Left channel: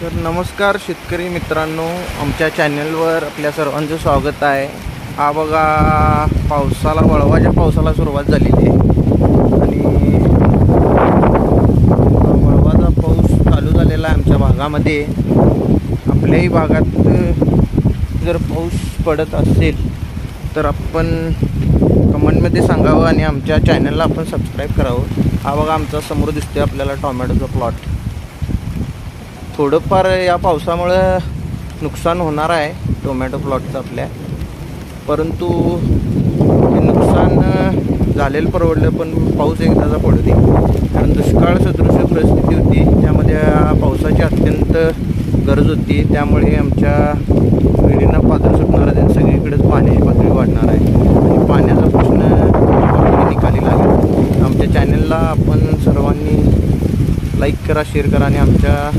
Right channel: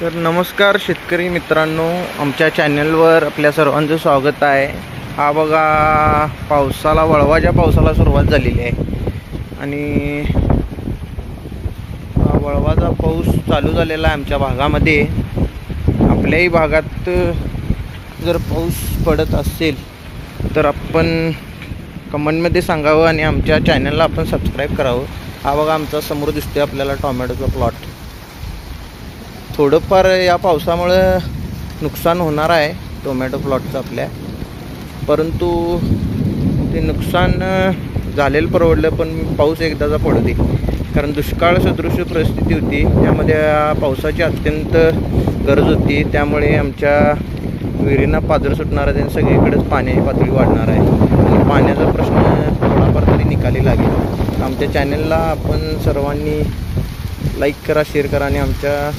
तर नमस्कार शेतकरी मित्रांनो, आमच्या चॅनलवर आपल्या सर्वांचं स्वागत आहे। हा बघा पावसाला वळवाच्या पावसाला सुरुवात झालेली आहे आणि वळवाचा पाऊस चालू झालेला आहे आमच्या भागामध्ये। आपल्याही भागात जर पाऊस पडत असेल तर आपण कमेंटमध्ये सांगावं आणि आमच्या चॅनलला आपण सबस्क्राईब करावं। हा बघा आमचा समोर दिसतोय आपल्याला टोमॅटोचा प्लॉट। थोडंफार या पावसामुळे नुकसान होणार आहे टोमॅटो प्लॉटचं आपल्या, परंतु ते नुकसान झालेलं परवडलं, पण पाऊस एकदाचा पडू दे, कारण दुष्काळ सदृश परिस्थिती होती, त्यामध्ये पावसाची अत्यंत गरज होती। त्यामुळे आमच्या विहिरींना पाझर सुटणार आहे आणि सगळीकडेच पाण्याची पातळी वाढणार आहे आणि पाण्याचा प्रश्न थोडाफार तरी निकाली लागेल। आमच्या चॅनलला आपण सर्वांनी लाईक करा, शेअर करा आणि आमच्या